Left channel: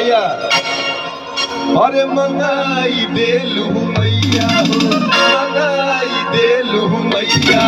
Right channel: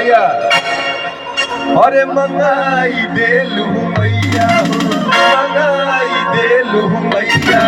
भैया अरे मंगाई देलू मैया मंगाई देलू मैया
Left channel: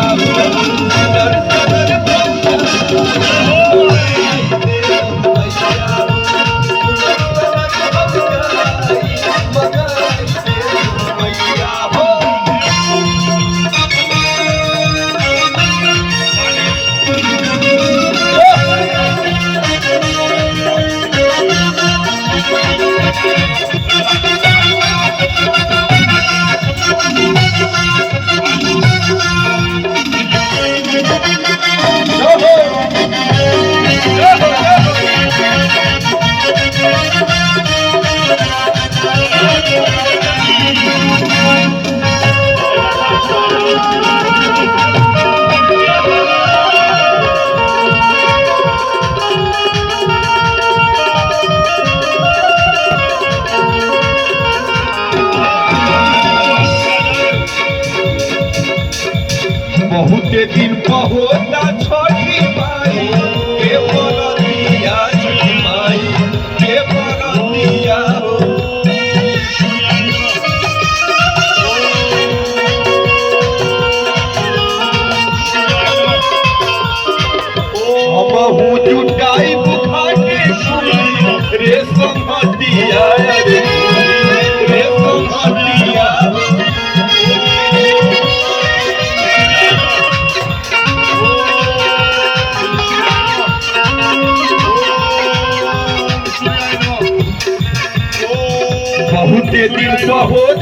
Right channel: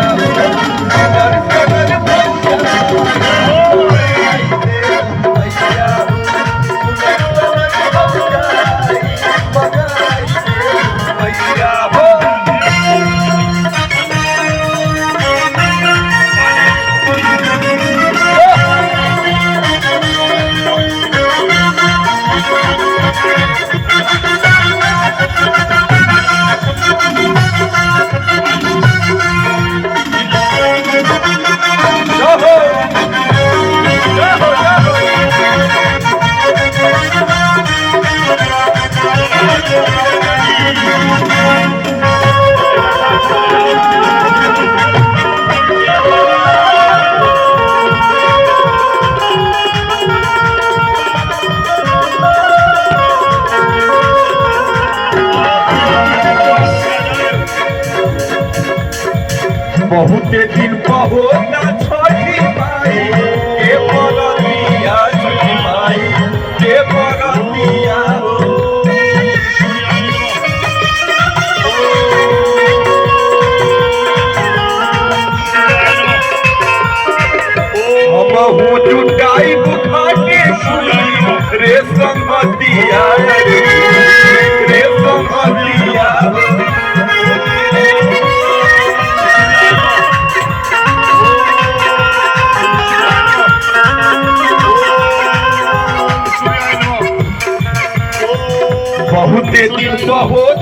बहुते दिन बहुत छठी माई के बरतिया माई के बरतिया हम हूँ जुटाई बुखा के सुनी रे संगतिया रे संगतिया बहुते दिन बहुत